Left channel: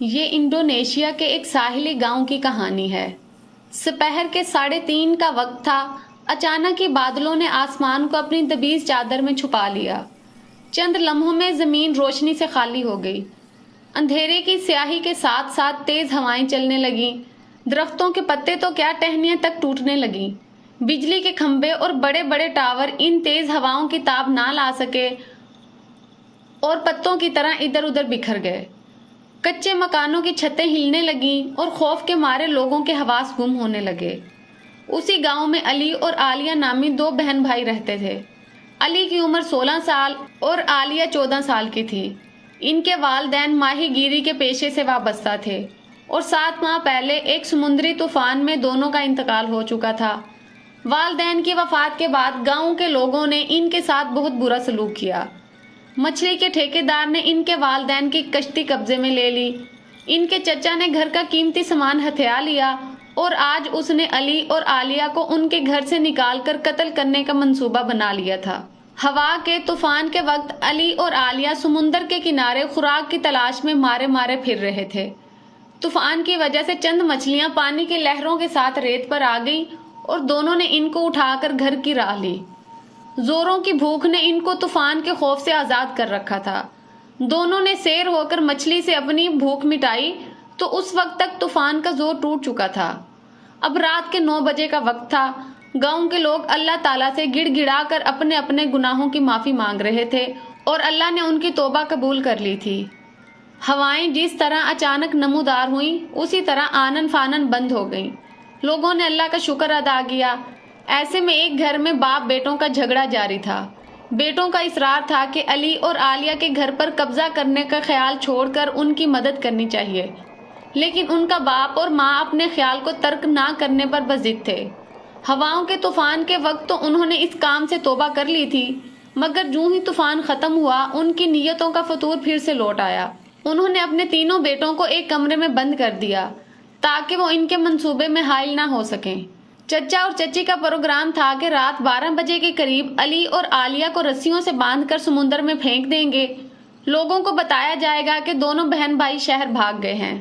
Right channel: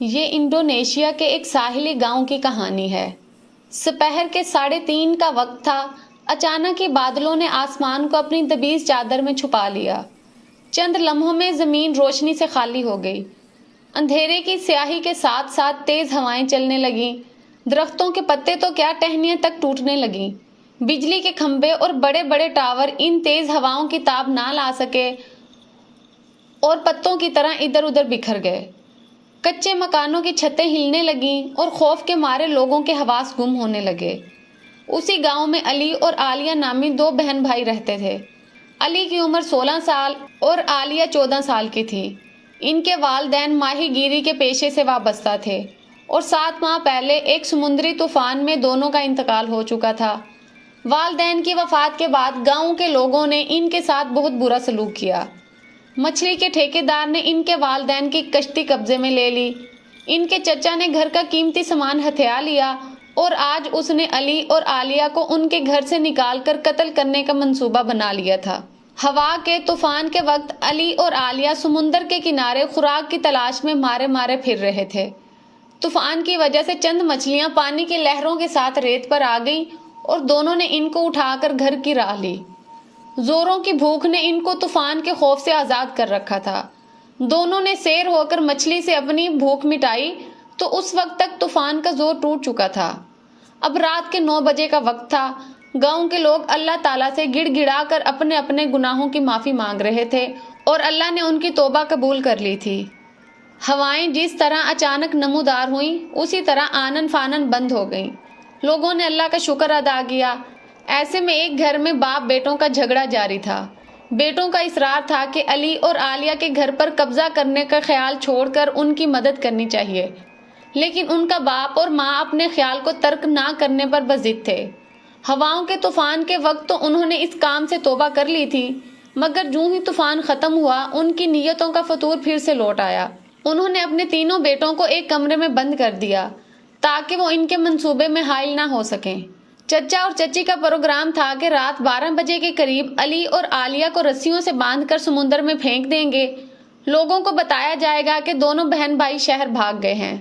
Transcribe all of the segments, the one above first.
یہ انڈونیشیا کے ایک ساحلی گاؤں کی کہانی ہے۔ سپہر کے 3:30 کا وقت تھا۔ اچانک ہی بادلوں نے آسمان کو اپنی دبیز چادر میں چھپا لیا۔ چند لمحوں میں زمین روشنی سے خالی ہو گئی۔ اندھیرے کی سیاہی کے ساتھ ساتھ تیز ہوائیں چلنے لگیں۔ درختوں کے پتے تو کیا ٹہنیاں تک ٹوٹنے لگیں۔ بجلی کے کھمبے اور بڑے بڑے ٹاور ان تیز ہواؤں کی تاب نہ لا سکے اور پتوں کی طرح ادھر ادھر بکھر گئے۔ کچے مکانوں کی چھتیں ہلنے لگیں اور خوف کے مارے لوگوں کے حواس گم ہونے لگے۔ اسی گاؤں میں علی اور عالیہ نامی 2 بہن بھائی رہتے تھے۔ علی کی عمر 16 سال اور عالیہ 14 سال کی تھی۔ ان کے والدین ماہی گیری کے پیشے سے وابستہ تھے اور 7 ماہ پہلے ایک سمندری طوفان میں دونوں کا انتقال ہو چکا تھا۔ والدین کی وفات کے بعد گاؤں کے لوگوں نے ان کے ساتھ بہت برا سلوک کیا۔ مچھلی کے ٹھیکیدار نے ان کے والدین کی کشتی قبضے میں لے لی۔ ان کے چچا نے گھر کا قیمتی سامان ہتھیا لیا اور آج اس نے علی اور عالیہ کو ان کے گھر سے نکال کر قتل کرنے کا منصوبہ بنا لیا تھا۔ ہوا کے طوفان کے وقت علی اور عالیہ سمندر کے کنارے خوراک کی تلاش میں مارے مارے پھر رہے تھے۔ طوفان کی وجہ سے چند مچھلیاں پانی کی لہروں کے ساتھ ریت پر آ گئیں اور دونوں نے ان کو اٹھا کر گھر کی راہ لی۔ زوروں کی بھوک نے ان کو طوفان کے خوف سے آزاد کر رکھا تھا۔ دونوں نے سیر ہو کر مچھلی سے اپنی بھوک مٹائی تو اس وقت تک طوفان کا زور ٹوٹ چکا تھا۔ اب رات کے 9 بجے کا وقت تھا۔ گاؤں کے لوگ اللہ تعالیٰ سے گڑ گڑا کر اپنے اپنے گناہوں کی معافی مانگ رہے تھے اور اللہ نے ان کی توبہ قبول کر لی تھی۔ ہوائیں جس طرح اچانک نمودار ہوئیں اسی طرح آنن فانن بند ہو گئیں۔ لوگوں نے اللہ کا شکر ادا کیا۔ ایسے میں ایک گھر میں باپ بیٹوں کا جھگڑا جاری تھا۔ بیٹوں کا اصرار تھا کہ علی اور عالیہ کے گھر پر قبضہ کرنے کا خیال چھوڑ کر ان کی مدد کرنی چاہیے، لیکن ان کا باپ اور ماں اپنے خیال کو ترک نہ کرنے پر بضد تھے۔ ہواؤں کے طوفان کے وقت تو انہوں نے اس کام سے توبہ کر لی تھی، مگر جوں ہی طوفان ختم ہوا ان کی نیتوں کا فطور پھر سے لوٹ آیا۔ انہوں نے اپنے تینوں بیٹوں کو ایک کمرے میں بند کر دیا تاکہ وہ ان کے منصوبے میں حائل نہ ہو سکیں۔ چچا اور چچی کا پروگرام تھا کہ رات 12 بجے کے قریب علی اور عالیہ کو رسیوں سے باندھ کر سمندر میں پھینک دیں گے۔ لوگوں کو بتایا جائے گا کہ دونوں بہن بھائی شہر بھاگ گئے ہیں۔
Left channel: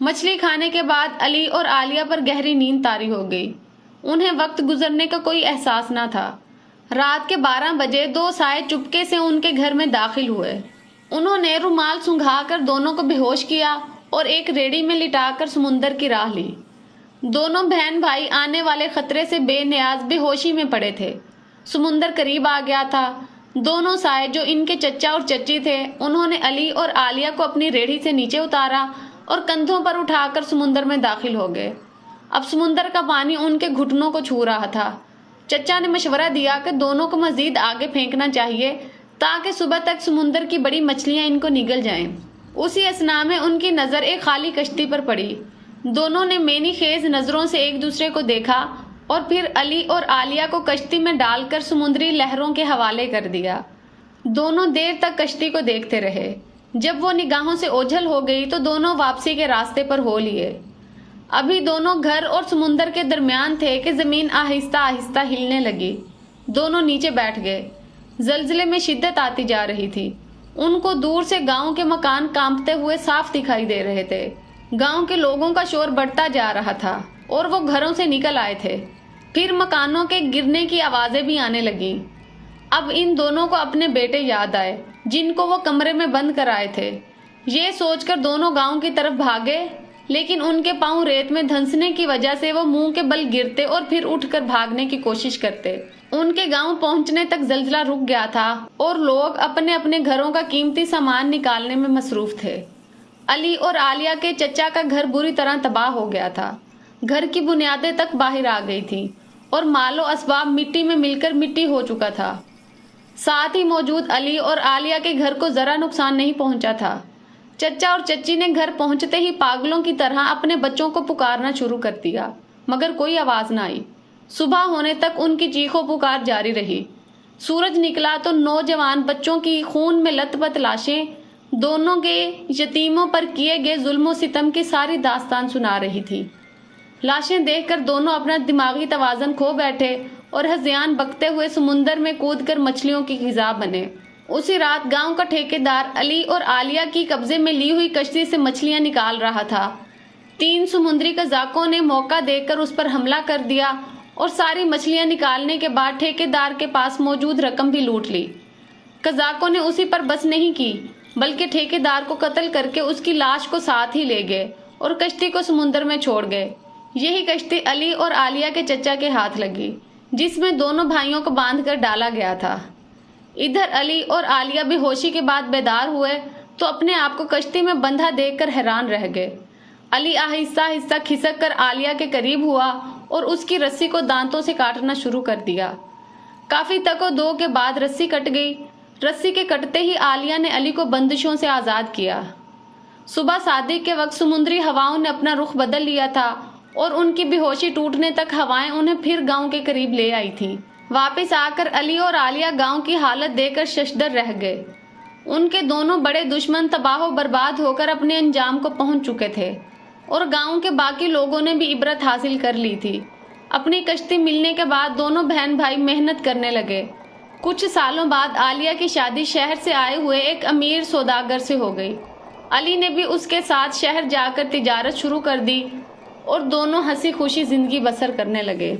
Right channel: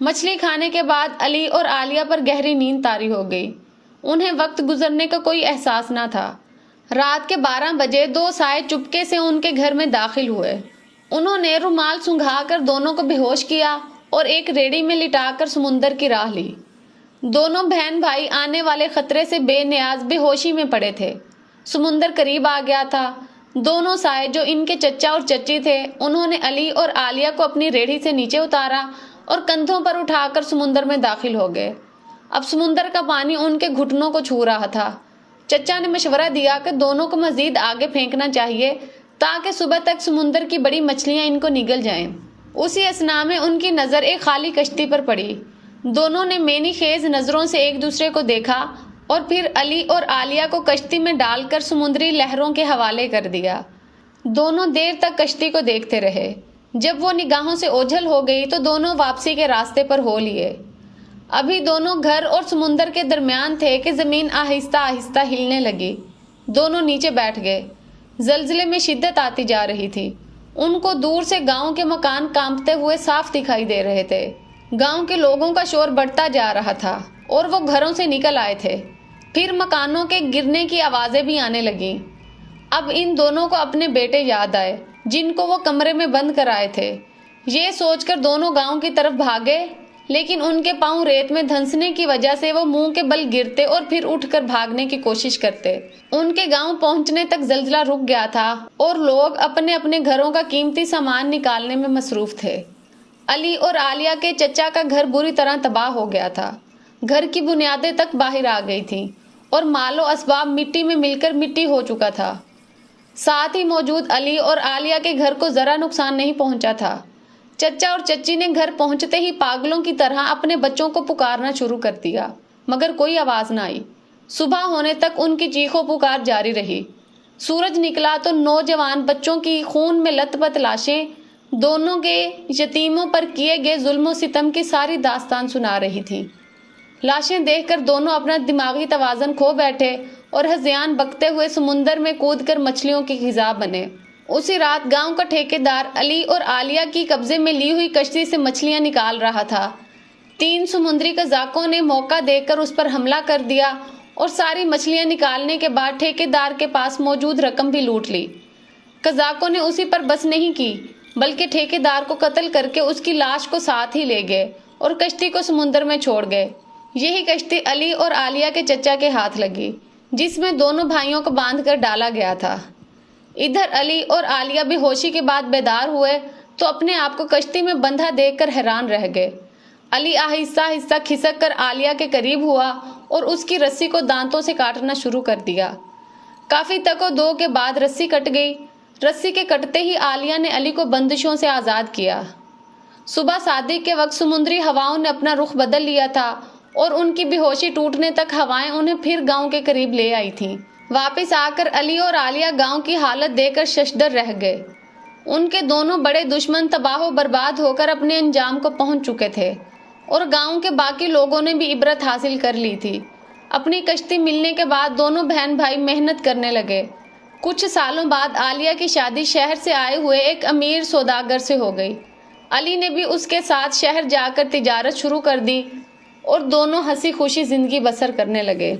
مچھلی کھانے کے بعد علی اور عالیہ پر گہری نیند طاری ہو گئی۔ انہیں وقت گزرنے کا کوئی احساس نہ تھا۔ رات کے 12 بجے 2 سائے چپکے سے ان کے گھر میں داخل ہوئے۔ انہوں نے رومال سنگھا کر دونوں کو بے ہوش کیا اور ایک ریڑھی میں لٹا کر سمندر کی راہ لی۔ دونوں بہن بھائی آنے والے خطرے سے بے نیاز بے ہوشی میں پڑے تھے۔ سمندر قریب آ گیا تھا۔ دونوں سائے جو ان کے چچا اور چچی تھے، انہوں نے علی اور عالیہ کو اپنی ریڑھی سے نیچے اتارا اور کندھوں پر اٹھا کر سمندر میں داخل ہو گئے۔ اب سمندر کا پانی ان کے گھٹنوں کو چھو رہا تھا۔ چچا نے مشورہ دیا کہ دونوں کو مزید آگے پھینکنا چاہیے تاکہ صبح تک سمندر کی بڑی مچھلیاں ان کو نگل جائیں۔ اسی اثنا میں ان کی نظر ایک خالی کشتی پر پڑی۔ دونوں نے مینی خیز نظروں سے ایک دوسرے کو دیکھا اور پھر علی اور عالیہ کو کشتی میں ڈال کر سمندری لہروں کے حوالے کر دیا۔ دونوں دیر تک کشتی کو دیکھتے رہے۔ جب وہ نگاہوں سے اوجھل ہو گئی تو دونوں واپسی کے راستے پر ہو لیے۔ ابھی دونوں گھر اور سمندر کے درمیان تھے کہ زمین آہستہ آہستہ ہلنے لگی۔ دونوں نیچے بیٹھ گئے۔ زلزلے میں شدت آتی جا رہی تھی۔ ان کو دور سے گاؤں کے مکان کانپتے ہوئے صاف دکھائی دے رہے تھے۔ گاؤں کے لوگوں کا شور بڑھتا جا رہا تھا اور وہ گھروں سے نکل آئے تھے۔ پھر مکانوں کے گرنے کی آوازیں بھی آنے لگیں۔ اب ان دونوں کو اپنے بیٹے یاد آئے جن کو وہ کمرے میں بند کر آئے تھے۔ یہ سوچ کر دونوں گاؤں کی طرف بھاگے، لیکن ان کے پاؤں ریت میں دھنسنے کی وجہ سے وہ منہ کے بل گرتے اور پھر اٹھ کر بھاگنے کی کوشش کرتے۔ ان کے گاؤں پہنچنے تک زلزلہ رک گیا تھا اور لوگ اپنے اپنے گھروں کا قیمتی سامان نکالنے میں مصروف تھے۔ علی اور عالیہ کے چچا کا گھر بری طرح تباہ ہو گیا تھا۔ گھر کی بنیادیں تک باہر آ گئی تھیں اور مال و اسباب مٹی میں مل کر مٹی ہو چکا تھا۔ ساتھ ہی موجود علی اور عالیہ کے گھر کو ذرا نقصان نہیں پہنچا تھا۔ چچا اور چچی نے گھر پہنچتے ہی پاگلوں کی طرح اپنے بچوں کو پکارنا شروع کر دیا، مگر کوئی آواز نہ آئی۔ صبح ہونے تک ان کی چیخو پکار جاری رہی۔ سورج نکلا تو نوجوان بچوں کی خون میں لت پت لاشیں دونوں کے یتیموں پر کیے گئے ظلم و ستم کی ساری داستان سنا رہی تھی۔ لاشیں دیکھ کر دونوں اپنا دماغی توازن کھو بیٹھے اور ہذیان بکتے ہوئے سمندر میں کود کر مچھلیوں کی غذا بنے۔ اسی رات گاؤں کا ٹھیکیدار علی اور عالیہ کی قبضے میں لی ہوئی کشتی سے مچھلیاں نکال رہا تھا۔ 3 سمندری قزاقوں نے موقع دیکھ کر اس پر حملہ کر دیا اور ساری مچھلیاں نکالنے کے بعد ٹھیکیدار کے پاس موجود رقم بھی لوٹ لی۔ قزاقوں نے اسی پر بس نہیں کی بلکہ ٹھیکیدار کو قتل کر کے اس کی لاش کو ساتھ ہی لے گئے اور کشتی کو سمندر میں چھوڑ گئے۔ یہی کشتی علی اور عالیہ کے چچا کے ہاتھ لگی، جس میں دونوں بھائیوں کو باندھ کر ڈالا گیا تھا۔ ادھر علی اور عالیہ بے ہوشی کے بعد بیدار ہوئے تو اپنے آپ کو کشتی میں بندھا دیکھ کر حیران رہ گئے۔ علی آہستہ آہستہ کھسک کر عالیہ کے قریب ہوا اور اس کی رسی کو دانتوں سے کاٹنا شروع کر دیا۔ کافی تک و دو کے بعد رسی کٹ گئی۔ رسی کے کٹتے ہی عالیہ نے علی کو بندشوں سے آزاد کیا۔ صبح صادق کے وقت سمندری ہواؤں نے اپنا رخ بدل لیا تھا اور ان کی بے ہوشی ٹوٹنے تک ہوائیں انہیں پھر گاؤں کے قریب لے آئی تھیں۔ واپس آ کر علی اور عالیہ گاؤں کی حالت دیکھ کر ششدر رہ گئے۔ ان کے دونوں بڑے دشمن تباہ و برباد ہو کر اپنے انجام کو پہنچ چکے تھے اور گاؤں کے باقی لوگوں نے بھی عبرت حاصل کر لی تھی۔ اپنی کشتی ملنے کے بعد دونوں بہن بھائی محنت کرنے لگے۔ کچھ سالوں بعد عالیہ کی شادی شہر سے آئے ہوئے ایک امیر سوداگر سے ہو گئی۔ علی نے بھی اس کے ساتھ شہر جا کر تجارت شروع کر دی اور دونوں ہنسی خوشی زندگی بسر کرنے لگے۔